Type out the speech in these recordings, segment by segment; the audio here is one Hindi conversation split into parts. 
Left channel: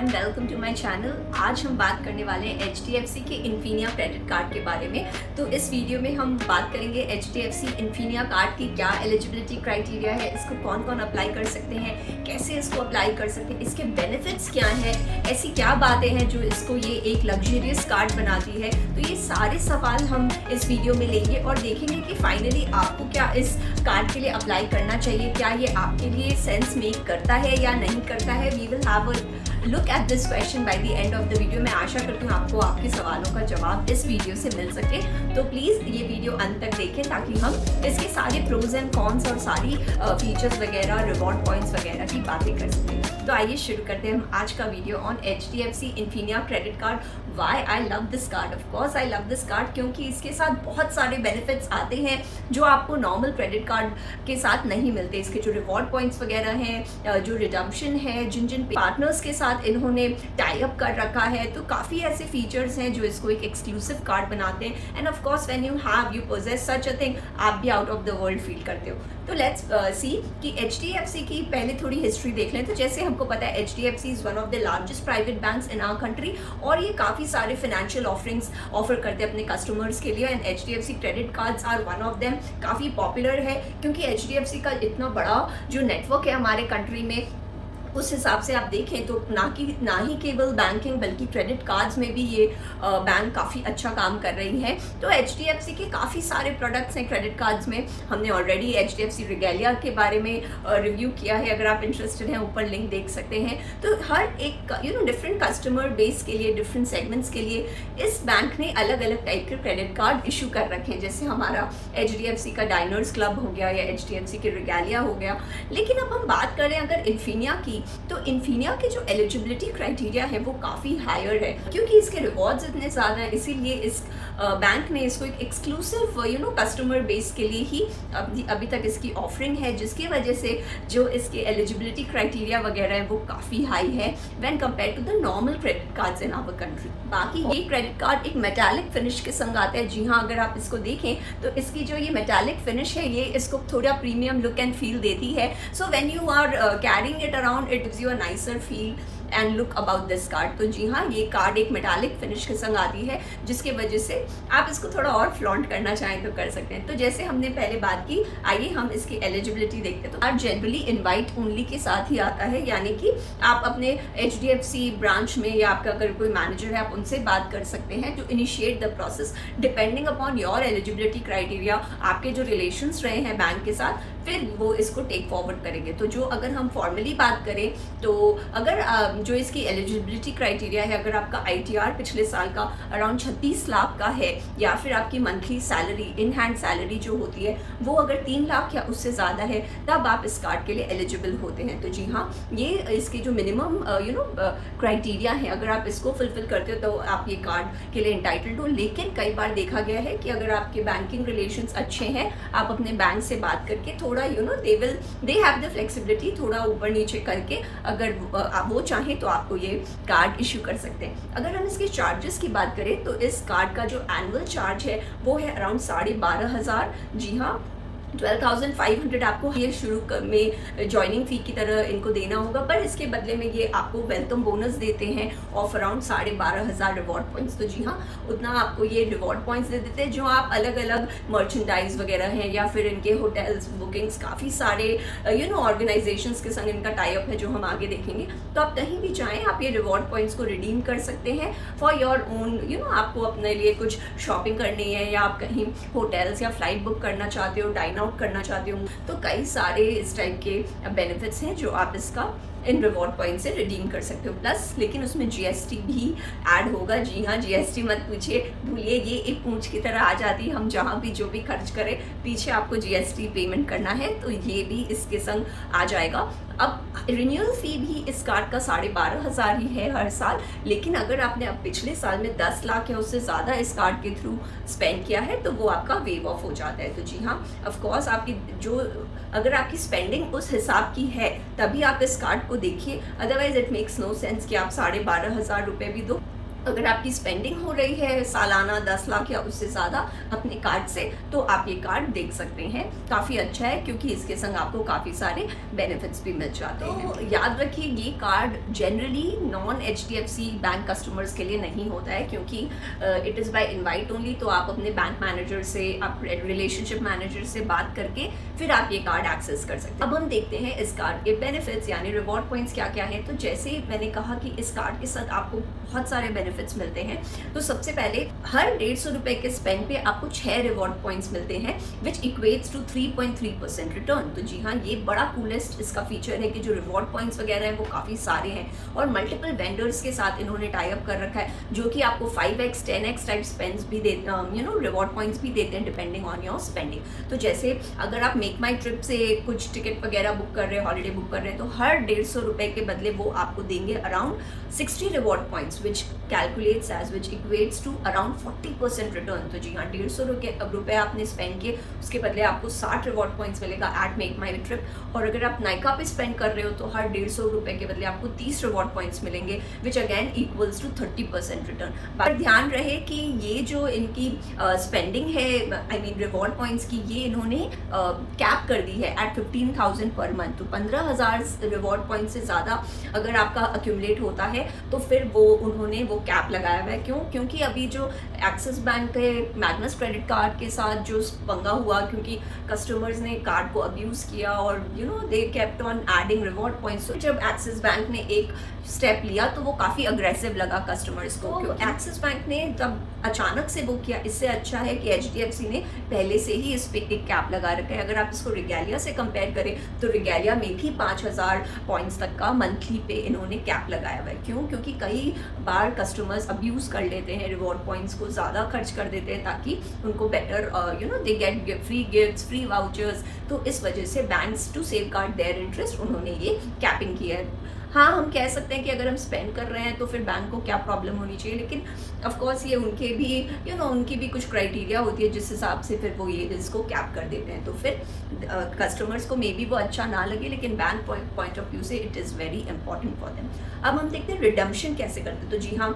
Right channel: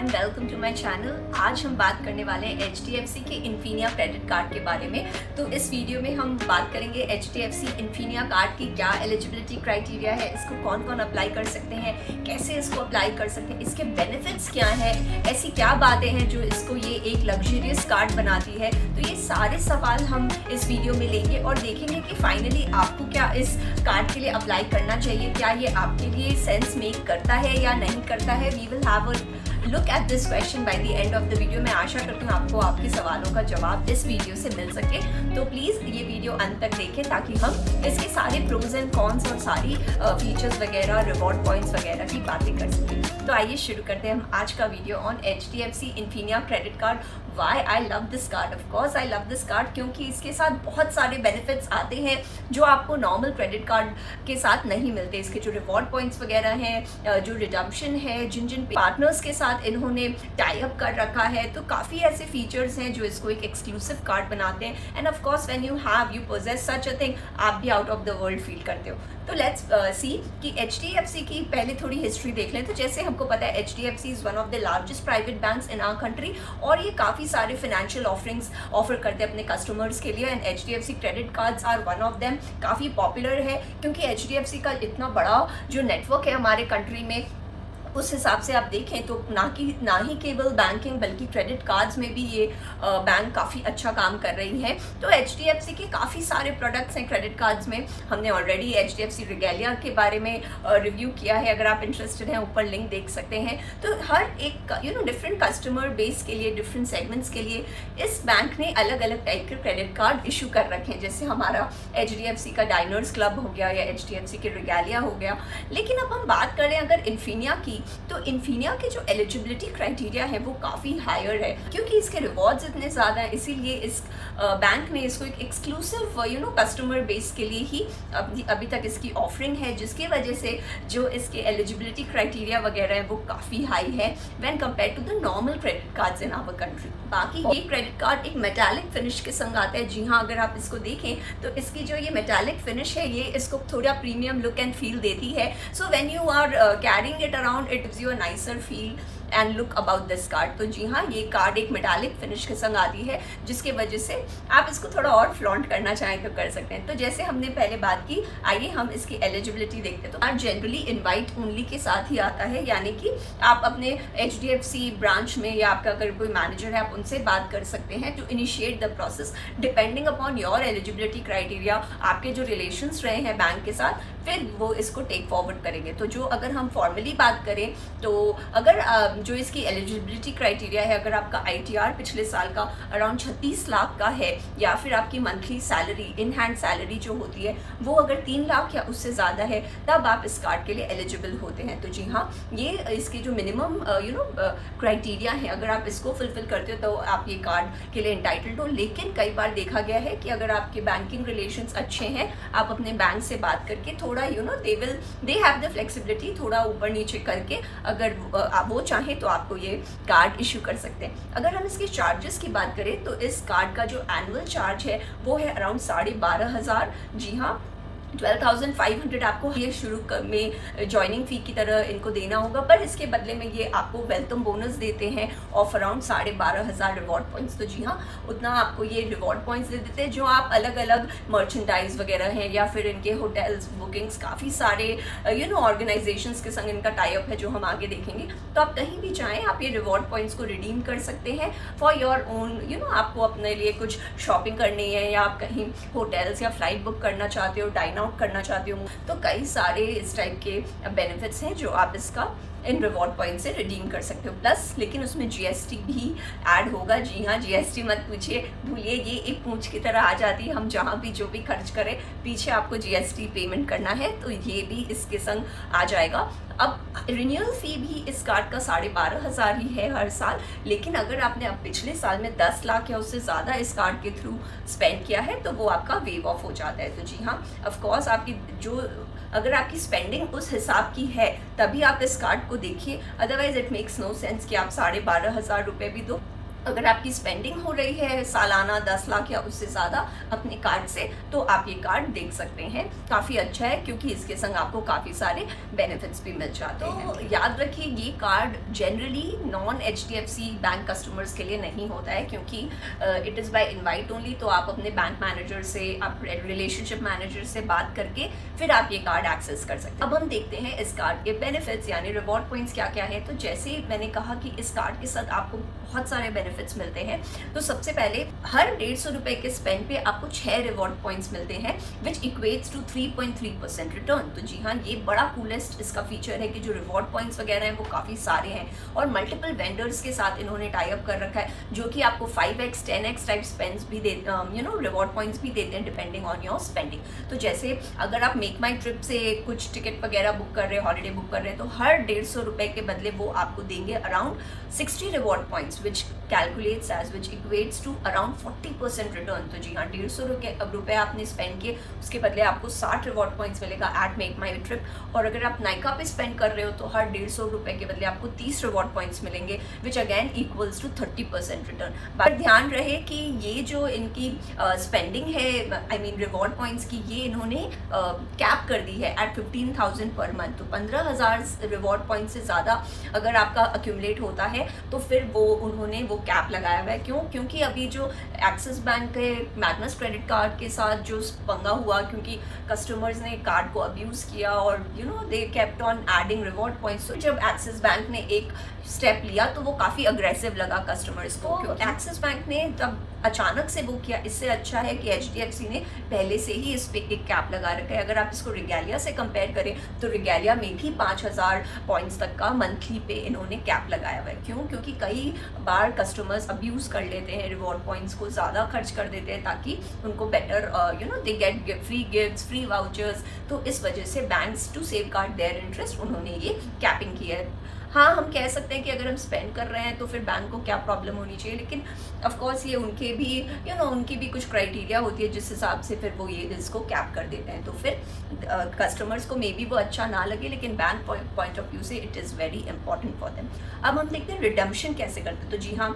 Everyone, welcome to my channel. आज हम बात करने वाले हैं HDFC के इन्फिनिया क्रेडिट कार्ड के बारे में। तो इस वीडियो में हम बात करेंगे HDFC इन्फिनिया कार्ड की क्या एलिजिबिलिटी क्राइटेरिया है, इसको कौन कौन अप्लाई कर सकते हैं, कैसे इसको अप्लाई कर सकते हैं, इसके बेनिफिट्स क्या हैं, ऐसी क्या बातें हैं जो इसको ये एक लग्जरियस कार्ड बनाती है। तो ये सारे सवाल हम इस वीडियो में लेंगे और देखेंगे कि फाइनली आपको क्या इस कार्ड के लिए अप्लाई करना चाहिए, क्या ये आपके लिए सेंस मेक करता है या नहीं करता है। We will have a look at this question by the end of the video. मैं आशा करती हूँ आपको आपके सवालों का जवाब इस वीडियो से मिल सके। तो प्लीज़ ये वीडियो अंत तक देखें ताकि हम इसके सारे प्रोज एंड कॉन्स और सारी फीचर्स वगैरह, रिवॉर्ड पॉइंट्स वगैरह की बातें कर सकें। तो आइए शुरू करते हैं हम आज का video on HDFC Infinia credit card. Why I love this card? Of course I love this card क्योंकि इसके साथ बहुत सारे बेनिफिट्स आते हैं जो आपको नॉर्मल क्रेडिट कार्ड के साथ नहीं मिलते। इसके जो रिवॉर्ड पॉइंट्स वगैरह हैं, जो रिडम्पशन है, जिन पार्टनर्स के साथ इन्होंने टाई अप कर रखा है, तो काफ़ी ऐसे फीचर्स हैं जो इसको एक एक्सक्लूसिव कार्ड बनाते हैं। End of course when you possess such a thing, आप भी out of the world feel करते हो। तो लेट्स सी कि HDFC की पहले थोड़ी हिस्ट्री देख लें। तो जैसे हमको पता है HDFC is one of the largest private banks in our country और ये काफ़ी सारे फाइनेंशियल ऑफरिंग्स ऑफर करते हैं अपने कस्टमर्स के लिए। And HDFC credit cards are one of them. काफ़ी पॉपुलर है क्योंकि HDFC का इतना बड़ा जो नेटवर्क है हमारे कंट्री में, उस हिसाब से आप देखें तो ना ही केवल बैंकिंग बल्कि क्रेडिट कार्ड्स में भी ये बैंक काफ़ी अच्छा काम कर रही है। तो HDFC के काफ़ी सारे प्रोडक्ट्स हैं क्रेडिट कार्ड्स में। हमने ऑलरेडी HDFC रिगेलिया के बारे में रिव्यू किया है, अगर आप इंटरेस्टेड हैं ऊपर लिंक देख सकते हैं। तो हर एक डिफरेंट कस्टमर बेस के लिए, डिफरेंट सेगमेंट्स के लिए इस बैंक ने अलग अलग टाइप के क्रेडिट कार्ड इशू कर रखे हैं। जैसे हमारा HDFC का डाइनर्स क्लब हो गया या HDFC के रिगेलिया हो गया। लेकिन अब हम बात करें अगर इन्फिनिया की, तो इन्फिनिया के जो एलिजिबिलिटी क्राइटेरिया है वो काफ़ी हायर है क्योंकि इसके रिवॉर्ड्स इतने ज़्यादा हैं। इसीलिए इस बैंक ने इसको एक एक्सक्लूसिव कस्टमर बेस के लिए ही अभी तक इसकी ऑफरिंग है, जिसकी वजह से जो इसके एलिजिबिलिटी क्राइटेरिया वगैरह है वो काफ़ी हाई है when compare to the normal credit cards in our country. बाकी ये क्रेडिट कार्ड एक मेटालिक फिनिश के संग आता है। जी हाँ, अगर आप इसको देखें तो इसकी जो ये मेटालिक फिनिश है ये इसको थोड़ा प्रीमियम लुक एंड फील देती है। So when you are carrying it around, it gives you a nicer feel and look about this card. तो जी हाँ, ये कार्ड एक मेटालिक फिनिश के संग आती है जिसकी वजह से आप इसको थोड़ा और फ्लॉन्ट करना चाहें तो कर सकते हैं। तो जैसे हमने पहले बात की, आइए हम इसकी एलिजिबिलिटी देखते हैं। तो कार्ड जनरली इनवाइट ओनली के साथ ही आता है, यानी कि आप अपने HDFC ब्रांच में या आपका अगर कोई मैनेजर है आप उनसे बात कर सकते हैं to initiate the process depending upon your eligibility criteria. आपके जो रिलेशंस रहे हैं बैंक के साथ, फिर वो इसको टेक फॉरवर्ड करेंगे। तो जो अगर हम फॉर्मली बात करें तो अगर जो इसकी एलिजिबिलिटी क्राइटेरिया है, अगर आपका ITR पिछले साल का अराउंड 36 लाख का है या फिर आपकी monthly salary, in hand salary जो होती है वो अगर 3 लाख या उससे ज़्यादा है, तब आप इस कार्ड के लिए एलिजिबल होते हैं। तो जी हाँ, ये इसके जो मिनिमम क्राइटेरिया है, अगर आप इसको फुलफिल करते हो तो आप ये कार्ड के लिए इंटाइटल्ड हो। लेकिन कई बार देखा गया है कि अगर आपके बैंकिंग रिलेशंस अच्छे हैं, आप अपने बैंक से बात करके थोड़ा दे हैव द फ्लेक्सिबिलिटी, थोड़ा ऊपर नीचे करके अगर आप वो चाहें तो आपको ये कार्ड इशू कर सकते हैं। अगर हम इसके चार्जेस की बात करें तो इस कार्ड का जो एनुअल चार्ज है वो है अराउंड 12,500। जी हाँ, 12,500 आपको ये शुरू में ज्वाइनिंग फी की तरह इनको देना होगा, पर इसके बदले में ये आपको वेलकम बोनस देते हैं ऑफ अराउंड 12,500 रिवॉर्ड पॉइंट्स। तो जी हाँ, उतना आपको ये रिवॉर्ड पॉइंट्स दे देते हैं जो आप अलग अलग मर्चेंडाइज वगैरह हैं या फिर इनके होटल्स बुकिंग्स, काफ़ी सारे ऑर्गेनाइजेशंस के संग इनका टाई अप है जो हम आगे देखेंगे। तो आप कहीं भी चाहें आप ये रिवॉर्ड पॉइंट्स को रिडीम कर सकते हैं फॉर योर ओन। आपको अपने लिए कुछ शॉपिंग करनी है या आप कहीं होटल्स या फ्लाइट बुक करना चाहते हो, डाइन आउट करना चाहते हो, तो कई सारे इस टाइप के बेनिफिट्स हैं जो आप इसका इन रिवॉर्ड पॉइंट से रिडीम कर सकते हो। प्लस लेकिन उसमें GST भी ऐड होगा। जी हाँ, GST मत पूछिए, भूलिए, ये एक पूंछ की तरह आ जाती है। हम जहाँ भी जो भी खर्च करें पीछे आपको GST पेमेंट करना है, तो ये भी इसके संग आ जाएगा। अब रिन्यूअल फी भी इस कार्ड का 12,500 ही है हर साल। लेकिन अगर आपने अब पिछले साल में 10 लाख या उससे ज़्यादा इस कार्ड के थ्रू स्पेंड किया है तो वो आपका वेव ऑफ हो जाता है। तो जी हाँ, ऑफ कोर्स आपकी अगर आपकी स्पेंडिंग उस हिसाब की है तभी आप इस कार्ड को देखिए, otherwise it makes no sense कि आप 12,500 रुपये भी दो अगर आपकी स्पेंडिंग हो रही है सालाना 10 लाख या उससे ज़्यादा अपने कार्ड से, तो आप ये कार्ड देख सकते हैं। काफ़ी अच्छा है क्योंकि इसके संग आपको काफ़ी सारे बेनिफिट्स भी मिल जाते हैं। तो याद रखिए ये card generally non HDFC bank customers के लिए नहीं होता है, क्योंकि it is by invite only. तो आप अपने बैंक मैनेजर से, आप रिलेशनशिप मैनेजर से बात करके फिर आप ये कार्ड एक्सेस कर सकते हैं। अब हम देखते हैं इस कार्ड के बेनिफिट्स यानी रिवॉर्ड पॉइंट्स क्या क्या है। तो जैसे मैंने कहा कि इस कार्ड के साथ आपको बहुत सारे बेनिफिट्स मिलते हैं। तो सबसे पहले हर 150 रुपए के स्पेंड पे आपको 6 रिवॉर्ड पॉइंट्स मिलते हैं विच इक्वेट्स टू 3.3% रिटर्न। तो जी हाँ, ये बड़ा कूलेस्ट इसका फीचर है कि जो रिवॉर्ड पॉइंट्स वगैरह हैं वो काफी सारे हैं और मल्टीपल वेंडर्स के साथ इन्होंने टाई अप कर रखा है जो कि आपको 5x 10x टाइप स्पेंड्स भी देते हैं, रिवॉर्ड पॉइंट्स भी देते हैं डिपेंडिंग ऑन योर स्पेंडिंग। तो जैसे अगर आप मेक माई ट्रिप से कुछ टिकट वगैरह बुक कर रहे हैं, हॉलीडे बुक कर रहे हैं, तो हर 150 रुपए के बदले वो आपको देंगे around 60 reward points which calculates as which equates to around 40% return. तो जी हाँ, 150 रुपए आपने स्पेंड किए, उसके बदले आपको 60 रिवॉर्ड पॉइंट्स मिलेगा एट मेक माई ट्रिप। और अगर आप नाइका पे स्पेंड कर रहे हो तो हर 150 रुपए के बदले आपको 30 रिवॉर्ड पॉइंट्स मिलेंगे which again equals to 30% return. But ध्यान रहे कि ये जो इनकी स्पेंडिंग है, आई मीन रिवॉर्ड पॉइंट्स की, ये इन्होंने कैप कर दी है एट 15,000 पर मंथ। तो 15,000 रिवॉर्ड पॉइंट से ज्यादा अगर आपका अक्यूमुलेट होता है तो फिर उन्होंने वो कैप लगाया हुआ है। क्यों? क्योंकि अभी जो एक्सिस बैंक के मैग्नस क्रेडिट कार्ड के साथ जो पंगा हुआ, क्योंकि कस्टमर्स ने कार्ड को अब्यूज किया और they kept on adding reward points. तो जब एक्सिस बैंक ने एक स्टेप लिया तो वो काफी अग्रेसिव लगा कस्टमर्स को, क्योंकि एक्सिस बैंक ने तब अचानक से वो किया। इससे अच्छा है कि HDFC ने पहले से ही इस पे एक कैप लगा रखा है। अगर आप इसको रिगैलिया से कंपेयर करें तो रिगैलिया में भी 5,000 पॉइंट्स तक का मंथली पे इन्होंने कैप लगाया हुआ है। क्यों? क्योंकि कई बार कस्टमर्स अब्यूज कर लेते हैं, रिवॉर्ड पॉइंट्स को ज्यादा खर्च कर देते हैं ताकि उनको better they get free gifts, free vouchers. तो इस वजह से banks to safeguard their interest उन्होंने ये कैपिंग किया है। हाँ, हम कह सकते हैं कि अगर हम स्पेंड कर रहे हैं तो फिर बैंक को क्या प्रॉब्लम होनी चाहिए, लेकिन ऑफ कोर्स ये उनके भी उनकी भी कुछ क्राइटेरिया होती है जिस हिसाब से फिर वो ये इसको कैप कर देते हैं। तो फिर कस्टमर्स को मे बी वो अच्छा ना लगे, लेकिन बैंक पॉइंट ऑफ व्यू से it is very important for them. अब हम देखते हैं रिडम्पशन कैसे करते हैं। तो जी हाँ,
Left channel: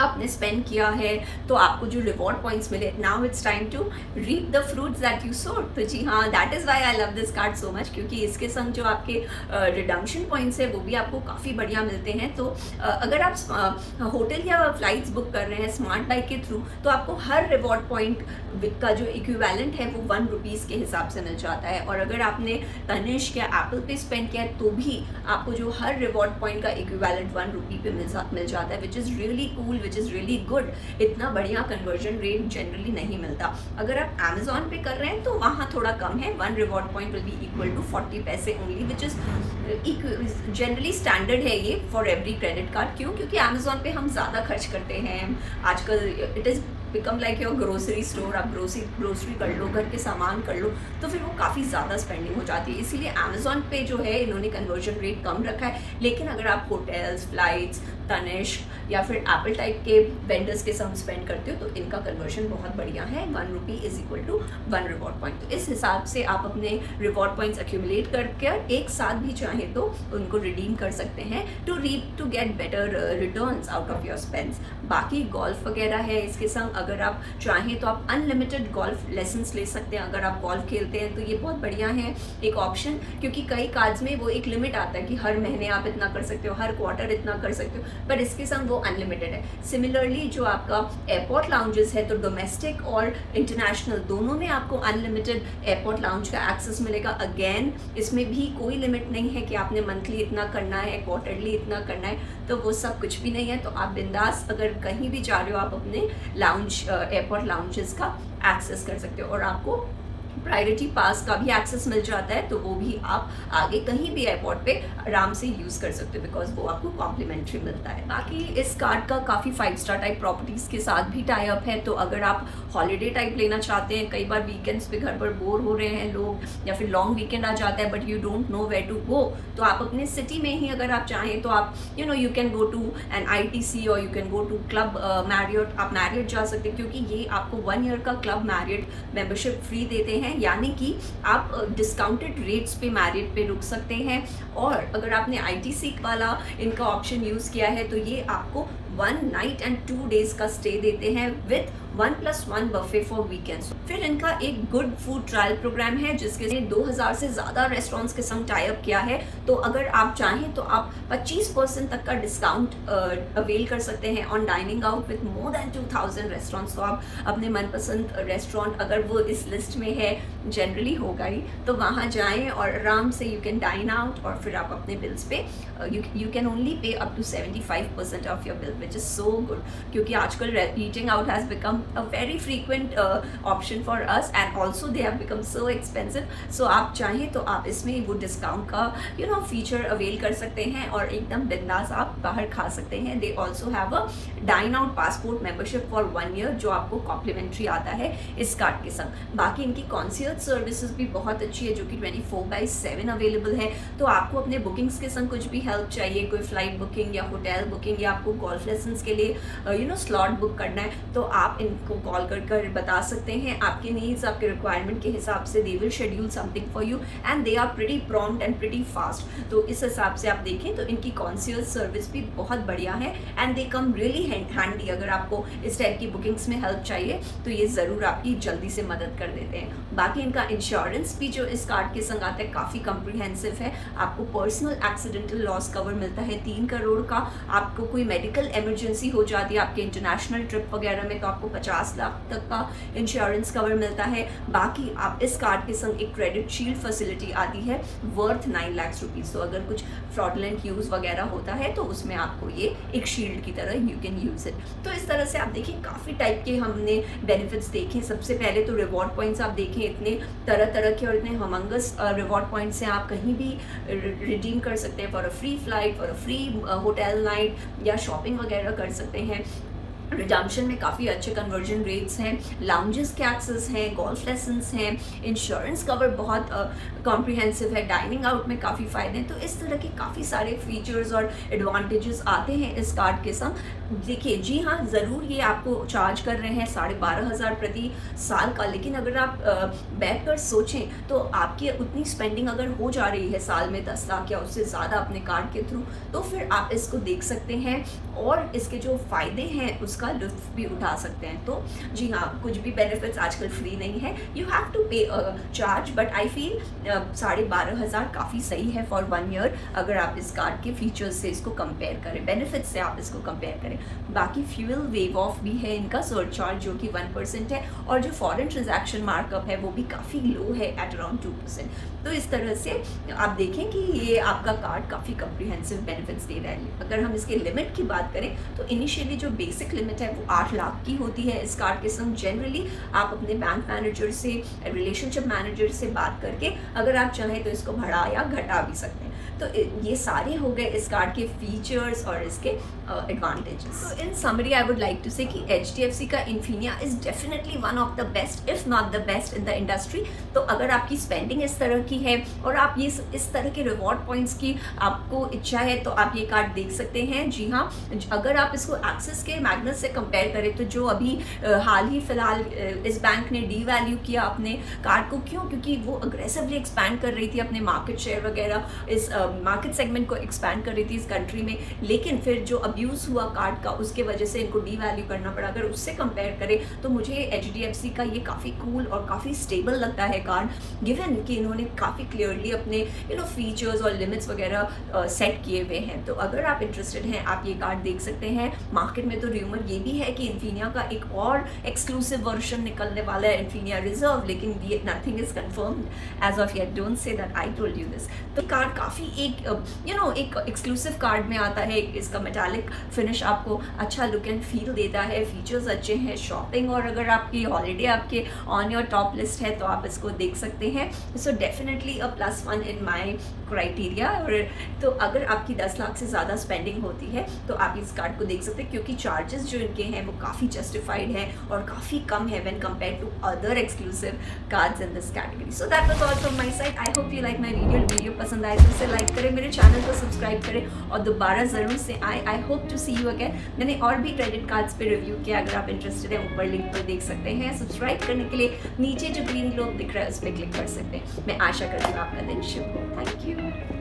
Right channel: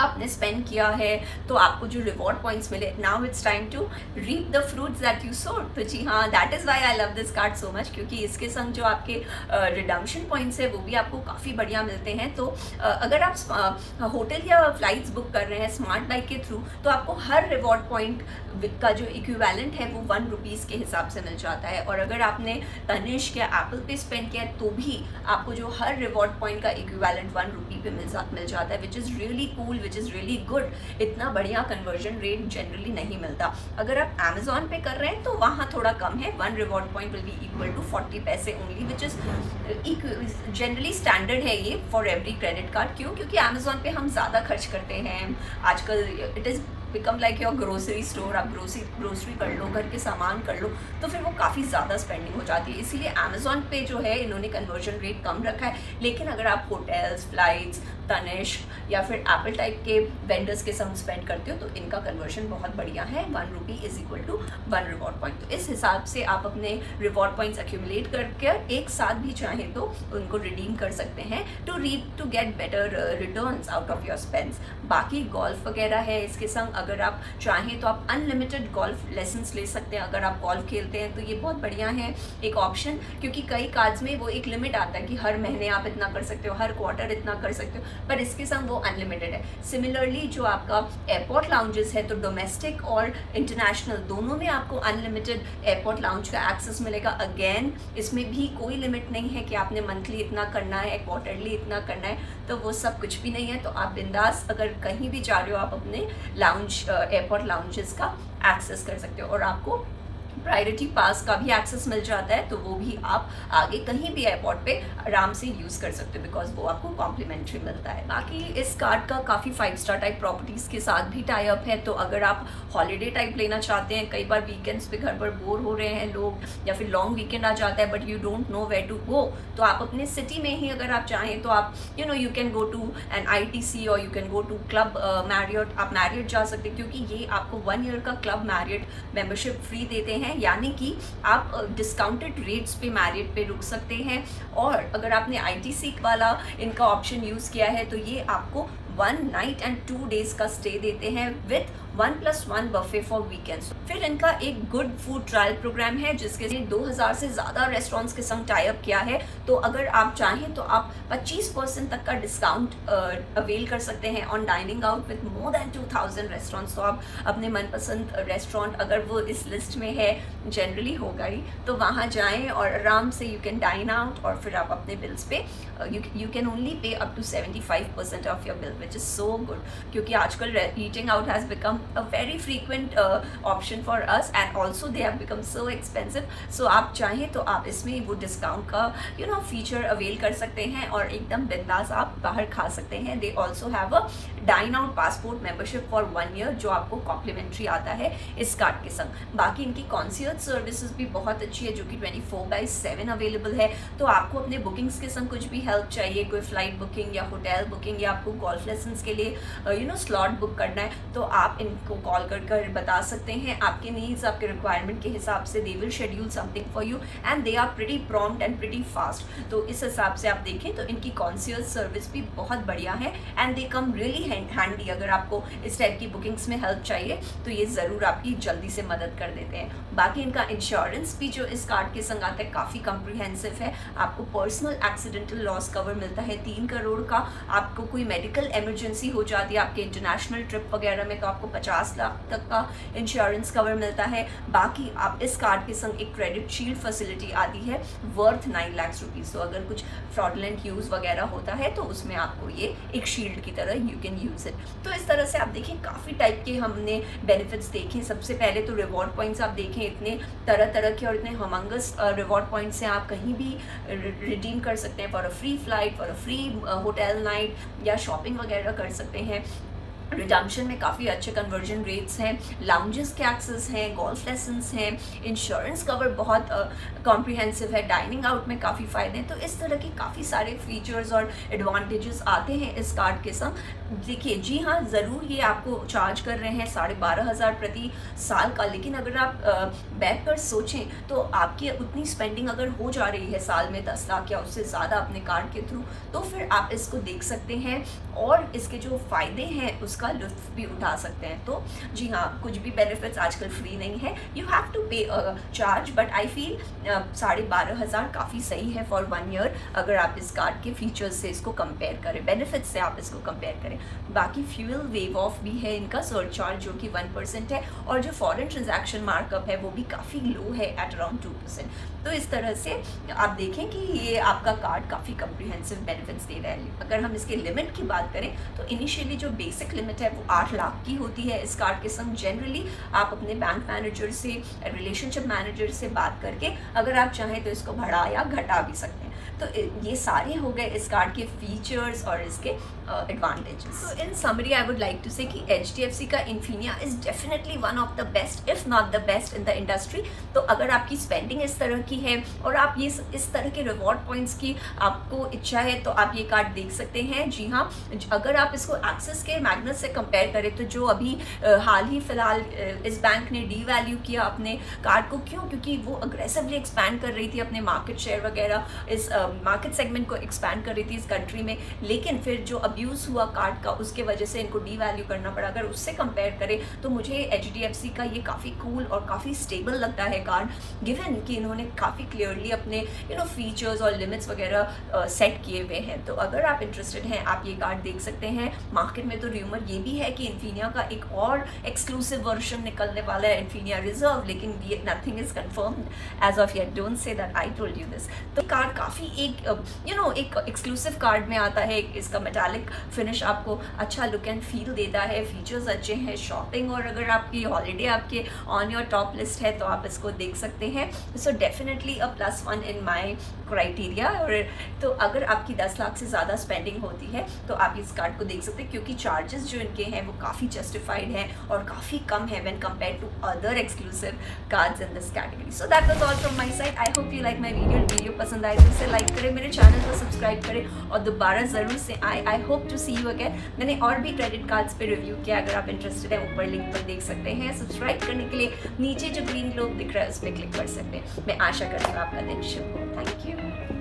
आपने स्पेंड किया है तो आपको जो रिवॉर्ड पॉइंट्स मिले, now it's time to reap the fruits that you sowed. तो जी हाँ, that is why I love this card so much, क्योंकि इसके संग जो आपके रिडम्पशन पॉइंट्स है वो भी आपको काफ़ी बढ़िया मिलते हैं। तो अगर आप होटल या फ्लाइट्स बुक कर रहे हैं स्मार्ट बाई के थ्रू, तो आपको हर रिवॉर्ड पॉइंट का जो इक्विवेलेंट है वो 1 रुपीज़ के हिसाब से मिल जाता है। और अगर आपने तनिष्क या एप्पल पे स्पेंड किया तो भी आपको जो हर रिवॉर्ड पॉइंट का इक्विवेलेंट 1 रुपी पे मिल जाता है, which is really cool, which is really good. इतना बढ़िया कन्वर्जन रेट जनरली नहीं मिलता। अगर आप Amazon पे कर रहे हैं तो वहाँ थोड़ा कम है, 1 reward point will be equal to 40 पैसे only, which is generally standard है ये फॉर एवरी क्रेडिट कार्ड। क्यों? क्योंकि Amazon पे हम ज़्यादा खर्च करते हैं आजकल। It is become like your grocery store. आप ग्रोसरी कर लो, घर के सामान कर लो, तो फिर वो काफ़ी ज़्यादा स्पेंडिंग हो जाती है। इसीलिए Amazon पे जो है इन्होंने कन्वर्जन रेट कम रखा है। लेकिन अगर आप होटल्स, फ्लाइट्स, तनिष्क या फिर एप्पल टाइप के वेंडर्स के साथ स्पेंड करते हो तो इनका कन्वर्जन बहुत बढ़िया है। 1 rupee is equal to 1 reward point. तो इस हिसाब से आप अपने रिवॉर्ड पॉइंट्स एक्यूमुलेट करके एक साथ भी चाहे तो उनको रिडीम कर सकते हैं to get better returns out of your spends. बाकी गोल्फ वगैरह है इसके संग, अगर आप चाहें तो आप अनलिमिटेड गोल्फ लेसन्स ले सकते हैं। अगर आप गोल्फ खेलते हैं तो ये बहुत बढ़िया है एक ऑप्शन, क्योंकि कई कार्ड्स में वो एक लिमिट आता है कि हर महीने आप इतना कर सकते हो, हर क्वार्टर इतना कर सकते हो, पर इसके संग वो अनलिमिटेड है। सिमिलरली जो आपका एयरपोर्ट लाउंजेस है, तो डोमेस्टिक और इंटरनेशनल दोनों में आपको अनलिमिटेड एयरपोर्ट लाउंज का एक्सेस मिलेगा। अगेन इसमें भी कोई लिमिट नहीं है कि आपने मंथली इतना करना है, क्वार्टरली इतना करना है, तो वो सब कुछ भी नहीं है। तो आप बिंदास अगर कहीं भी जा रहे हो आप अपने लाउंज एयरपोर्ट लाउंजेस का एक्सेस कर सकते हो। और आपको प्रायोरिटी पास का भी एक्सेस मिल जाता है, तो वो भी आप आगे कहीं भी एयरपोर्ट पे आराम से यूज कर सकते हो, बिकॉज वो आपको कॉम्प्लीमेंट्री मिलता है। बाकी इस कार्ड का काफी 5 स्टार टाइप प्रॉपर्टीज के साथ भी टाई अप है। तो अगर आप हॉलीडे टाइप लेना चाहते हैं, कई बार वीकेंड्स पे घर पर बोर हो रहे हैं लोग, या फिर लॉन्ग वीकेंड आ जाता है but you don't know where to go, तो आप अपने सिटी में ही अगर आप चाहें तो आप you can go to an ITC और you can go to club Marriott. आप मैरियट जा सकते हैं, क्योंकि ये आपको 1 ईयर का क्लब मैरियट मेंबरशिप फ्री देते हैं, यानी कि आप डिस्काउंटेड रेट्स पे मैरियट पे रुक सकते हैं। और अगर आपने ITC वाला इनका ऑप्शन यूज किया है तो ये आपको 1 नाइट एंड 2 डेज का स्टे देते हैं विथ 1+1 बफे फॉर वीकेंड्स। फिर इनका एक गुड फूड ट्रायल प्रोग्राम है जिसके लिए 2000 से ज्यादा रेस्टोरेंट्स के संग टाई अप किया है। तो अगर आप चाहें तो आप 25% तक का डिस्काउंट अवेल कर सकते हैं on dining out with more than 2000 restaurants. तो आप अपने मनपसंद रेस्टोरेंट, अगर वो इस लिस्ट में है, जनरली होगा ही, तो वहाँ जाएं और आराम से यू कैन डाइन आउट और फिर आप अपने बिल्स पे you can only pay up to 75% of your bill, which is so good, क्योंकि आजकल eating out has become a very frequent option for us and also they have become so expensive. So आप चाहें तो आप इसमें वो डिस्काउंट का फीचर अवेल कर सकते हैं और एकदम बिंदास आप बाहर खा सकते हैं। They also have a dine out passport membership for 1 year जो आपको कॉम्प्लीमेंट्री आता है इस कार्ड के संग। बाकी इनकी कॉन्सियर्ज सर्विसेज भी बहुत अच्छी है जो कि 24/7 अवेलेबल है। तो आपको अपने बुकिंग्स के संग कुछ भी हेल्प चाहिए, कोई फ्लाइट बुकिंग या होटल बुकिंग या आपको गोल्फ लेसन्स के लिए स्लॉट बुक करना है, तो आप इनको कॉल कर बता सकते हैं आपके नीड्स, आपके रिक्वायरमेंट के हिसाब से। They will schedule something for you and they are pretty prompt and pretty fast. तो इस हिसाब से आप देखें तो इनकी कॉन्सियर्ज सर्विस भी बहुत बढ़िया है and they come really handy. अगर आपको इस टाइप की बुकिंग्स में हेल्प चाहिए तो ये जरूर आपकी जल्दी से मदद कर देते हैं। बाकी इनका इंश्योरेंस भी जो इस कार्ड के संग आता है काफी कॉम्प्रिहेंसिव है। आपको पर्सनल एक्सीडेंटल लॉस कवर मिलता है 3 करोड़ का। आपको कोई मेडिकल इमरजेंसी हो जाती है आपके इंटरनेशनल ट्रिप वगैरह में तो आपको 50 लाख तक का इंश्योरेंस कवर मिलता है। बाकी आप इस कार्ड के संग एक क्रेडिट शील्ड फैसिलिटी आती है वर्थ 9 लाख रुपीज। तो अगर कुछ फ्रॉडलेंट यूज वगैरह होता है तो उसमें आपको ये एक शील्ड की तरह यू कैन यूज इट। तो इस तरह से आप देखिए काफी टाइप के हमने बेनिफिट्स देखे। सबसे पहले तो रिवॉर्ड पॉइंट्स आप देखें, इतने तरह तरह के और इतने हमंगस रिवॉर्ड पॉइंट्स हैं, आप कहीं भी रिडीम कर सकते हैं for a free flight, for a free hotel night या शॉपिंग वगैरह कर सकते हैं। रिडम्पशन में काफ़ी अच्छे कन्वर्जन रेट्स हैं, लाउंजेस के एक्सेस हैं, गोल्फ लेसन्स हैं, इंश्योरेंस कवर बहुत कॉम्प्रिहेंसिव है, डाइनिंग आउट में काफ़ी फ़ायदे हैं। तो इस तरह के काफ़ी सारे फीचर्स और एडवांटेजेस आते हैं इस कार्ड के संग। देखिए जी हाँ, ज़रूर ये आपको चार्ज कर रहे हैं 12,500 प्रति साल का, लेकिन अगर आप बैठ कर सोचें तो आपकी उतनी स्पेंडिंग अगर हो जा रही है साल में 10 लाख या उससे ज़्यादा अपने कार्ड के थ्रू, तो फिर आप इसको देख सकते हैं और इसके जो फ़ायदे हैं उसका लुत्फ भी उठा सकते हैं। तो जी हाँ, कुछ भी बेनिफिट्स आजकल फ्री नहीं है, यू हैव टू पे चार्ज, बट आई फील 12,500 काफ़ी सही है फॉर 1 ईयर अगर आप इस कार्ड के फीचर्स से इसको कंपेयर करें, बेनिफिट्स से आप इसको कंपेयर करें। बाकी फ्यूल वेव ऑफ भी है इनका सरचार्ज जो कि 1% है और जो फॉरेन ट्रांजैक्शन मार्कअप है वो भी काफ़ी लो है एट अराउंड 2%। तो इस तरह से आप देखें कि ये आपका कार्ड काफ़ी कम्प्रिहेंसिव बेनिफिट्स दे रहा है। अगर हम इसके लिमिट की बात करें तो इनिशियली जो बेसिक लिमिट है वो 8 लाख की होती है इस कार्ड के संग। जनरली आप अपने बैंक मैनेजर से, रिलेशनशिप मैनेजर से बात करके अगर आप चाहें तो इसको बढ़ा या घटा भी सकते हैं। तो ये सारे हो गए इस कार्ड के फीचर्स और इसके एडवांटेजेस। तो in summary I would like to say कि HDFC का Infinia is definitely one of the best if not the best in the industry. तो अगर आपकी स्पेंडिंग इस तरह की है और आप ये इस तरह के रिवॉर्ड पॉइंट्स की आपको इच्छा है तो आप ये कार्ड देख सकते हैं। जी हाँ, अगर आप इसको एक्सिस के मैग्नस से कंपेयर करें तो जो अभी हाल ही फिलहाल इस बैंक ने डी वैल्यू किया अपने कार्ड को, क्यों? क्योंकि वो अग्रेसिवली एक्सपैंड कर रही थी अपने मार्केट शेयर वगैरह, इस मार्केट सेगमेंट को एक्सपैंड कर रही थी इस कंट्री में, लेकिन फिर जो अब्यूज हुआ कार्ड का उसके वजह से इनको डी वैल्यू करना पड़ा। अगर उससे कंपेयर करें तो मुझे HDFC का ये काफ़ी कूल और काफ़ी स्टेबल लगता है कार्ड, गिवन कि इन्होंने काफ़ी क्लियरली अपने फीचर्स और लिमिट्स वगैरह सेट किए हुए हैं। तो अगर आप इंटरेस्टेड हैं आप ये कार्ड देख सकते हैं। मार्केट में तो र्यूमर ये भी है कि इन्फिनिया का एक और एक्सक्लूसिव वर्जन निकलने वाला है, इन्फिनिया रिजर्व, लेकिन ये nothing is confirmed as of yet. Don't say that I told you this. तो कार्ड काफ़ी एक एक एक्सक्लूसिव कार्ड में आता है। इसका मेटालिक फिनिश आपको अच्छा लुक एंड फील देता है, फीचर्स अच्छे हैं, शॉपिंग और अगर आपकी हॉलीडे आपके ऑन योर टॉप लिस्ट है तो आप इसको देख सकते हैं। So definitely a +1 in my criteria. और तो अगर आपकी 10 लाख से ज़्यादा स्पेंडिंग होती है तो आप इस कार्ड को देख सकते हैं, क्योंकि चार्जेस जो इनके हैं वो काफ़ी जस्टिफाइड हैं और काफ़ी कम है when compare to other exclusive cards in this category. So that was all from my side. I hope you like my video पसंद आए तो इसे लाइक करें, मेरे चैनल को सब्सक्राइब करें और दोबारा ज़रूर से I hope to see you again. मैंने और भी क्रेडिट कार्ड्स पे रिव्यू किया, अगर आप इंटरेस्टेड हैं ऊपर लिंक पर देख सकते हैं। सब्सक्राइब करने के लिए नीचे जो ग्रीन लोग दिख रहा है उस पर क्लिक कर सकते हैं। मैं आशा करती हूँ आपका दिन शुभ हो। Thank you.